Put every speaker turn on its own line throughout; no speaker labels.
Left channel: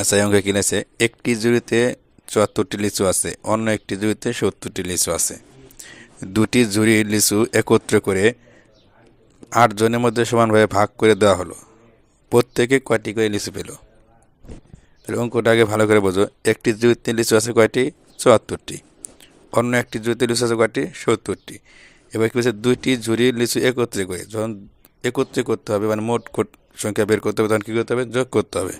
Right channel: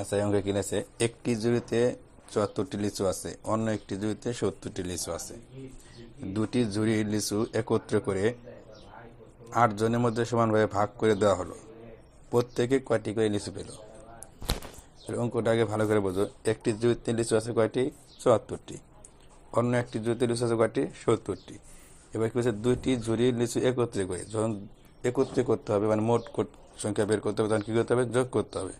আচ্ছা এই অঙ্কে কিনেছে একটি জুড়িতে চুয়াত্তরটি লিচু আছে, অন্য একটি জুড়িতে সত্তরটি লিচু আছে। দুটি ঝুড়ি লিচু একত্রে করে আট জনের মধ্যে সমানভাবে ভাগ করে দেওয়া হলো। প্রত্যেকে কয়টি করে লিচু পেল? তাহলে অঙ্কটা আগে ভালো করে বোঝো। একটি জুড়িতে লিচু আছে কয়টি? চুয়াত্তরটি। অন্য একটি জুড়িতে লিচু আছে কয়টি? সত্তরটি। এবার কি বলছে? দুইটি ঝুড়ি লিচু একত্রে করে, যখন একত্রে করতে হবে মানে মোট সংখ্যা বের করতে হবে, তখন কী করতে হবে? যোগ করতে হবে।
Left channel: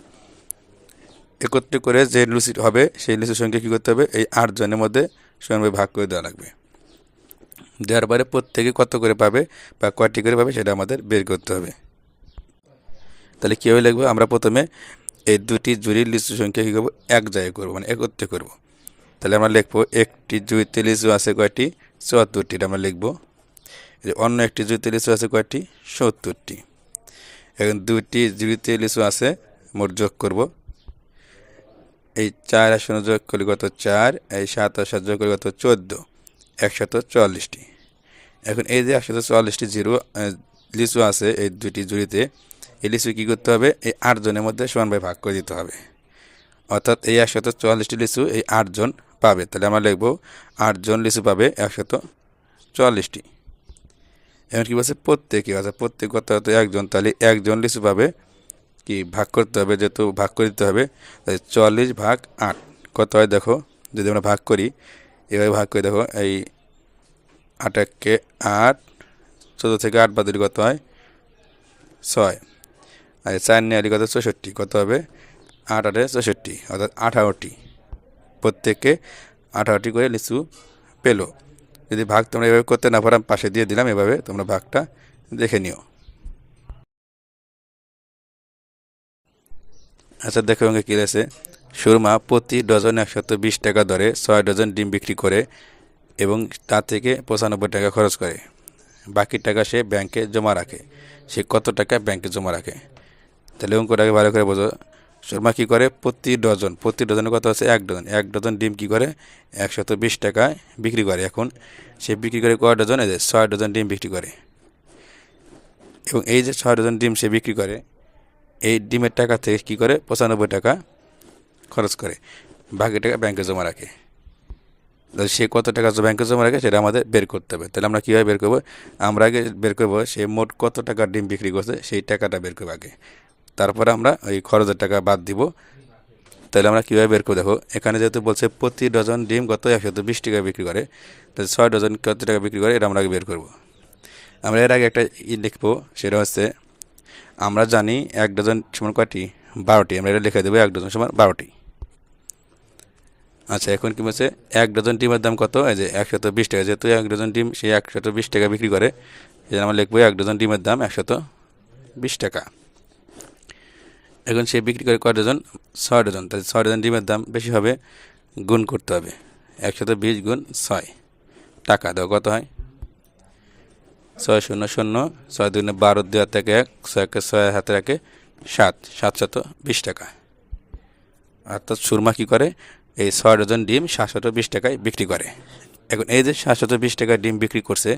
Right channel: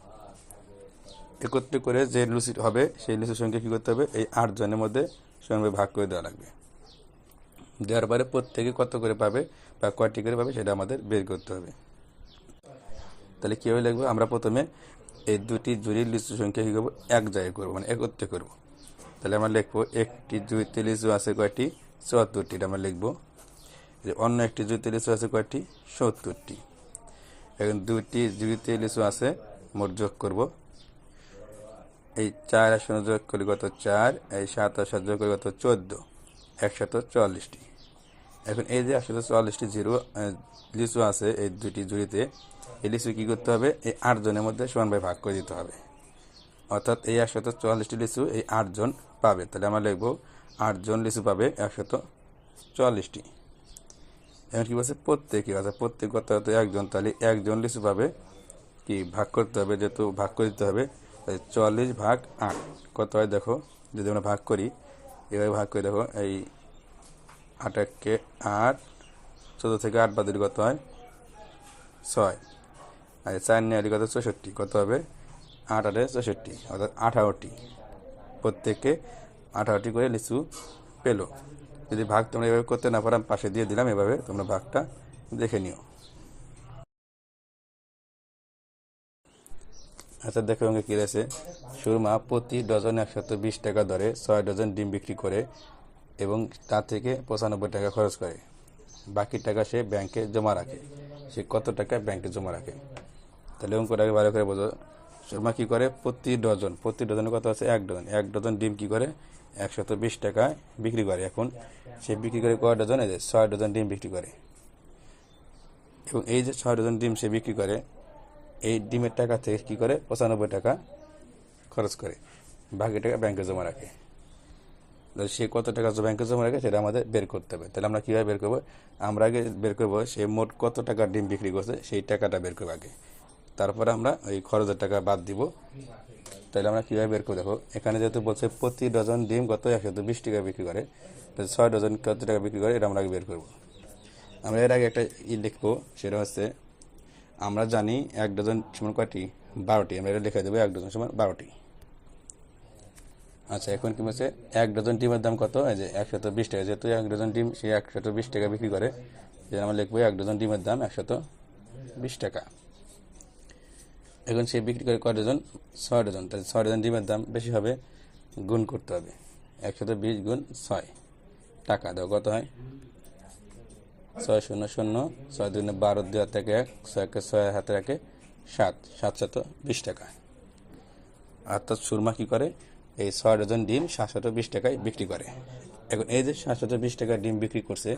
একত্রে করে যে লুচি হবে, সেই লিচুর সংখ্যা কী করতে হবে? এই আটজনের মধ্যে সমানভাবে ভাগ করে দেওয়া লাগবে। দেওয়ার পরে প্রত্যেকে কত করে পাবে বা কয়টি করে পাবে সেটা আমাদের বের করতে হবে। তাহলে কীভাবে লিখব? আমরা প্রথমে এই দুটি জুড়ির লিচু সংখ্যা কী করব? এক জায়গায় করব মানে একত্রে করব। তাহলে আমরা লিখব একটি জুড়িতে লিচু আছে কয়টি? চুয়াত্তরটি আমরা লিখব। অন্য একটি জুড়িতে লিচু আছে কয়টি? সত্তরটি। এখন দুটি জুড়িতে লিচু আছে, মোট যোগ করব। এই চার আর যোগ করলে কত? চার। এই সাত আর যোগ করলে কত? চোদ্দ। একশত চুয়াল্লিশটি। এখন এই যে একশত চুয়াল্লিশটি জিরো লিচু আছে এই দুটি জুড়িতে, এই লিচু কী করতে হবে? এই আটজনের মধ্যে সমানভাবে ভাগ করে দিতে হবে। অর্থাৎ এই একশত চুয়াল্লিশটি লিচু এই আটজন পাবে। তাহলে আমরা লিখব আটজন লিচু পাবে একশত চুয়াল্লিশটি। এখন কী বলছে? প্রত্যেকে। আছে প্রত্যেক কত? হতো একজন। তাহলে একজন লিচু পাবে কি ভাগ করতে হবে, যেহেতু ভাগ করে দিতে হবে, তাই চুয়াল্লিশ ভাগ আট। কত হয় দেখো? যদি আমরা ভাগ করি, এভাবে ভাগ করে দেখো, এই আটাককে আট, চোদ্দ থেকে আট বাদ দিলে কত হয়? ছয়। আর চার নিয়ে কত? চৌষট্টি। কত হবে? আট আটে চৌষট্টি, অর্থাৎ আঠারোটি। প্রত্যেককে আঠারোটি করে লিচু পেল। যদি ভাগ তোমরা এভাবে করতে না পারো পাশে দিয়ে দিলাম, এভাবে তোমরা ভাগটা দেখে নিও। আচ্ছা দেখো অঙ্কে কী আছে? সুরমা প্রতি ডজন একশত বিশ টাকা দরে ছয় ডজন ডিম বিক্রি করে এবং তার থেকে পঁচানব্বই টাকা খরচ করে। বাকি টাকা সে ব্যাংকে জমা রাখে। সে কত টাকা ব্যাংকে জমা রাখে? তাহলে অঙ্কটাকে ভালো করে বোঝো। সুরমা কী করে? প্রতি ডজন, প্রতি ডজনে কত আছে? এক ডজন। এক ডজন ডিম কী করে? একশত বিশ টাকায় বিক্রি করে। এখন সে বিক্রি করে কয় ডজন? এই যে ছয় ডজন ডিম বিক্রি করে। এবং এই যে ছয় ডজন ডিম সে বিক্রি করে এই ডিমের টাকা থেকে কী করে? পঁচানব্বই টাকা খরচ করে। বাকি টাকা ব্যাংকে জমা রাখে। তাহলে সে কত টাকা ব্যাংকে জমা রাখে সেটা আমাদের বের করতে হবে। তাহলে আমরা কীভাবে বের করব? আমরা আগে বের করব সে মোট কত টাকা ডিম বিক্রি করছে সেই টাকাটা বের করব আগে। তারপরে আমরা ওই খরচের টাকা বাদ দিব। তাহলে আমরা কীভাবে বের করব? দেখো, এখানে যেহেতু বলছে প্রতি ডজন ডিম কত? একশত বিশ টাকা বিক্রি করে। তাহলে ছয় ডজন কত টাকা বিক্রি করে? এটা আমরা আগে বের করব। আমরা এর আগে একটা ই লিখব, সেটা হচ্ছে আমরা জানি এক ডজন সমান কয়টি? বারোটি। আমরা এটা লিখে দেবো এক ডজন সমান বারোটি। আচ্ছা এখন কি বলছে? এক ডজন ডিমের দাম কত? এই যে একশত বিশ টাকা। যেহেতু এক ডজন ডিম সে একশত বিশ টাকা বিক্রি করে, এই আমরা লিখব এক ডজন ডিমের দাম একশত বিশ টাকা। এখন সে বিক্রি করে কয় ডজন? ছয় ডজন। তাহলে ছয় ডজন ডিমের দাম বেশি হবে, গুণ করতে হবে। একশত বিশ গুণ ছয়। টাকা দাও, কত হয়? ছয় শূন্য শূন্য, ছয় দুই বারো দুই হাত থেকে এক ছয়কে ছয় হাতে রাখে সাত। সাতশত বিশ টাকা। অর্থাৎ সুরমা কী করে? এই ছয় ডজন ডিম সাতশত বিশ টাকায় বিক্রি করে। এখন এই যে সাতশত বিশ টাকায় ডিম বিক্রি করছে,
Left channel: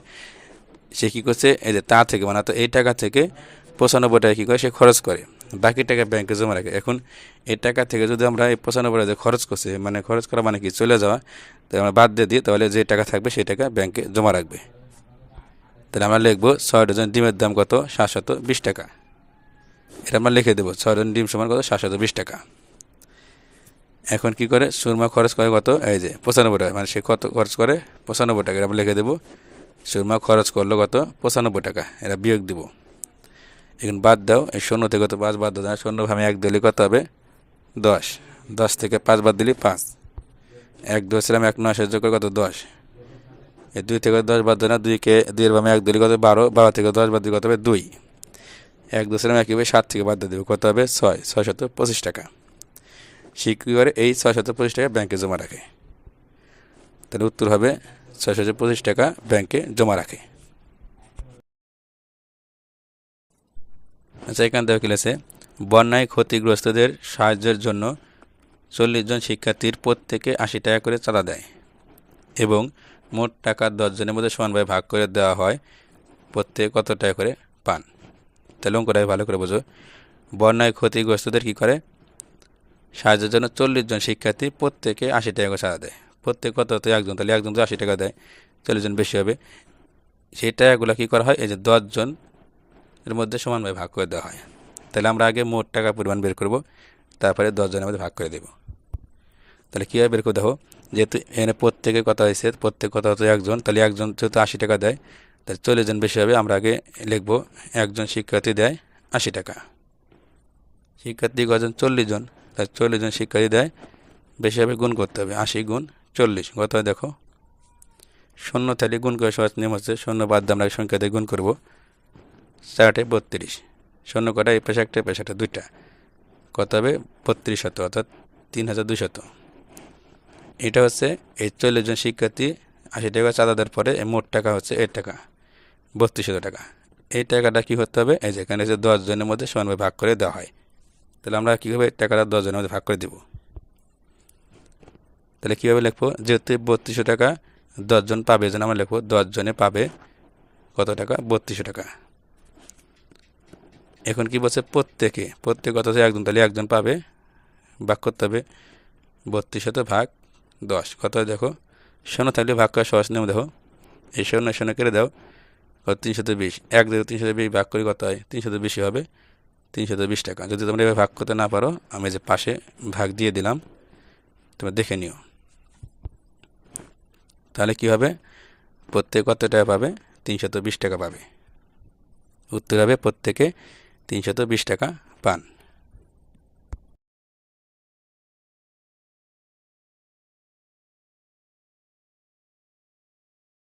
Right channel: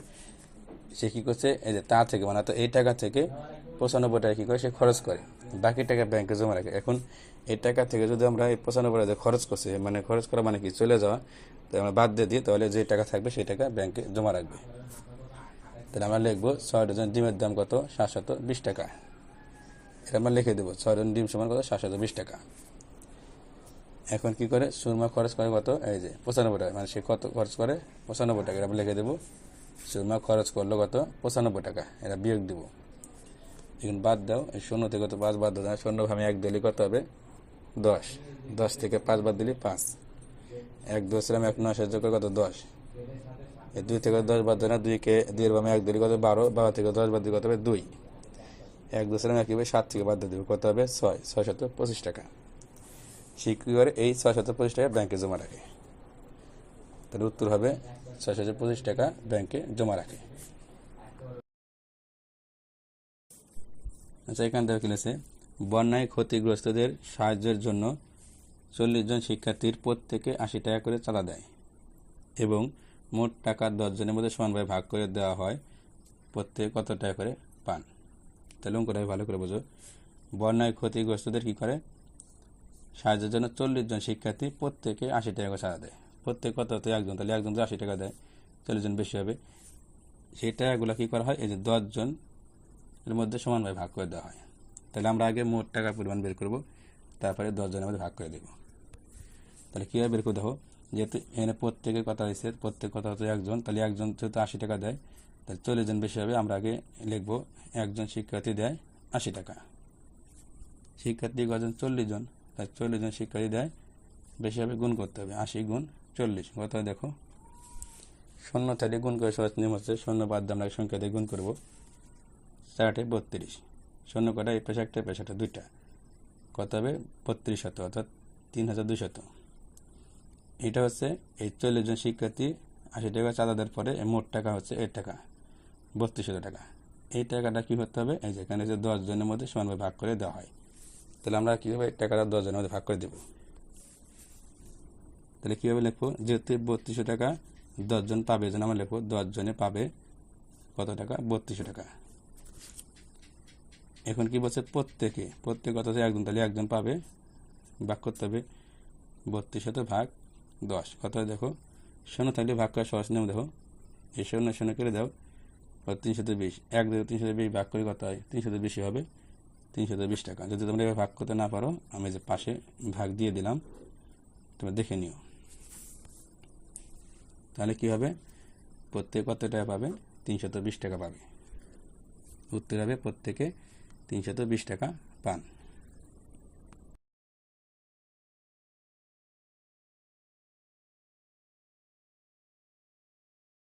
সে কী করছে? এই যে তা থেকে মানে এই টাকা থেকে পঁচানব্বই টাকা কী করে? সে খরচ করে। বাকি টাকা ব্যাংকে জমা রাখে। এখন এই টাকা থেকে যদি আমরা এই পঁচানব্বই টাকা খরচ করছে মানে খরচ করা মানে কি? চলে যাওয়া, তো আমরা বাদ দিয়ে দিই, তাহলে যে টাকা থাকবে, সেই টাকা ব্যাংকে জমা রাখবে। তাহলে আমরা লিখব ছয় ডজন ডিমের দাম কত? সাতশত বিশ টাকা। এটা আমরা লিখে দেবো, ছয় ডজন ডিম সমান কত? সাতশত বিশ টাকা। এখন কি করে? সুরমা খরচ করে কত? এই যে, পঁচানব্বই টাকা। মানে সে কত খরচ করে? পঁচানব্বই টাকা। এটা আমরা লিখে দেবো, সুরমা খরচ করল কত? পঁচানব্বই টাকা। এটা বিয়োগ দিব। এখন বাদ দাও, এই শূন্য থেকে কত পাঁচ বাদ দাও শূন্য আমি এক দিলে কত হবে? দশ। দশ থেকে পাঁচ বাদ দিলে পাঁচ। এক দশ ছিলাম এক নয় সহ্য করে, কত? দশ। দুই থেকে দশ বাদ দেয় না, দুইকে দুইয়ের বামে এক দিলে কত বারো বারো থেকে দশ বাদ দিলে কত হবে দুই। এক দশ ছিলাম একইভাবে সাত থেকে বাদ দেবে, কত হবে? ছয় ছয় শত পঁচিশ টাকা। সে কী করে এই ছয় শত পঁচিশ টাকা ব্যাংকে জমা রাখে। তাহলে উত্তর হবে ছয় শত পঁচিশ টাকা ব্যাংকে জমা রাখে। আচ্ছা এখান থেকে লিখেছে বন্যায় ক্ষতিগ্রস্তদের সাহায্যের জন্য চল্লিশ জন শিক্ষার্থীর প্রত্যেকে আশি টাকা করে চাঁদা দেয় এবং মোট টাকা দশজনের মধ্যে সমানভাবে ভাগ করে দেওয়া হয়। প্রত্যেকে কত টাকা করে পান? তাহলে অঙ্কটাকে ভালো করে বোঝো। বন্যায় ক্ষতিগ্রস্তদের কী করে? সাহায্যের জন্য চল্লিশ জন শিক্ষার্থী প্রত্যেকে আশি টাকা করে সাজা দেয়। প্রত্যেক কত? হতো একজন, তাহলে একজন তো আশি টাকা দেয়। চল্লিশ জন বেশি হবে। সেই টাকাগুলো কী করা হয়? এই যে দশজন এর মধ্যে সমানভাবে ভাগ করে দেওয়া হয়। তাহলে আমরা আগে মোট টাকা পরিমাণ বের করব। তারপরে দশজনের মধ্যে ভাগ করে দেব। তাহলে কীভাবে বের করে দেখো। যেহেতু এখানে প্রত্যেকে কথা হয়েছে, প্রত্যেক কথা হতো একজন, তাহলে একজন যেহেতু আশি টাকা দেয়, তাহলে চল্লিশ জন বেশি হবে, আমরা আগে লিখব, একজন শিক্ষার্থী দেয় আশি টাকা। শিক্ষার্থী কজন চল্লিশ জন, তাহলে চল্লিশ জন শিক্ষার্থী দেয়, বেশি হবে গুণ করতে হবে, আশি গুণ চল্লিশ, কত দেখো? শূন্য তাহলে গুণ করে সহজ নিয়ম হচ্ছে, শূন্য বাদ দিয়ে আমরা সংখ্যা দিয়ে গুণ করব, চারটে বত্রিশ, শূন্য কটা, এই পেশা একটা পেশাটা দুইটা, কত হবে? বত্রিশ শত, অর্থাৎ তিন হাজার দুশত এটা হচ্ছে এই চল্লিশ জন শিক্ষার্থী আশি টাকা চাঁদা দেওয়ার পরে মোট টাকা হচ্ছে এর টাকা, বত্রিশশো টাকা। এই টাকাটা কী করতে হবে? এই যেখানে হচ্ছে দশ জনের মধ্যে সমানভাবে ভাগ করে দেওয়া হয়। তাহলে আমরা কীভাবে টাকাটা দশ জনের মধ্যে ভাগ করে দেব? তাহলে কীভাবে লিখব? যেহেতু বত্রিশশো টাকা দশজন পাবে যেন আমরা লিখব দশজনে পাবে কত টাকা? বত্রিশশো টাকা। এখন কি বলছে? প্রত্যেকে, প্রত্যেক হচ্ছে একজন, তাহলে একজন পাবে, ভাগ করতে হবে। বত্রিশ শত ভাগ দশ। কত দেখো? শূন্য থাকলে ভাগ করা সহজ নিয়ম দেখো। এই শূন্য শূন্য কেটে দাও। কত? তিনশত বিশ। এক দেখো তিনশত বিশ ভাগ করে কত হয়? তিনশত বেশি হবে। তিনশত বিশ টাকা। যদি তোমরা এভাবে ভাগ করতে না পারো, আমি যে পাশে ভাগ দিয়ে দিলাম, তোমরা দেখে নিও। তাহলে কী হবে? প্রত্যেক কত টাকা পাবে? তিনশত বিশ টাকা পাবে। উত্তর হবে, প্রত্যেকে তিনশত বিশ টাকা পান।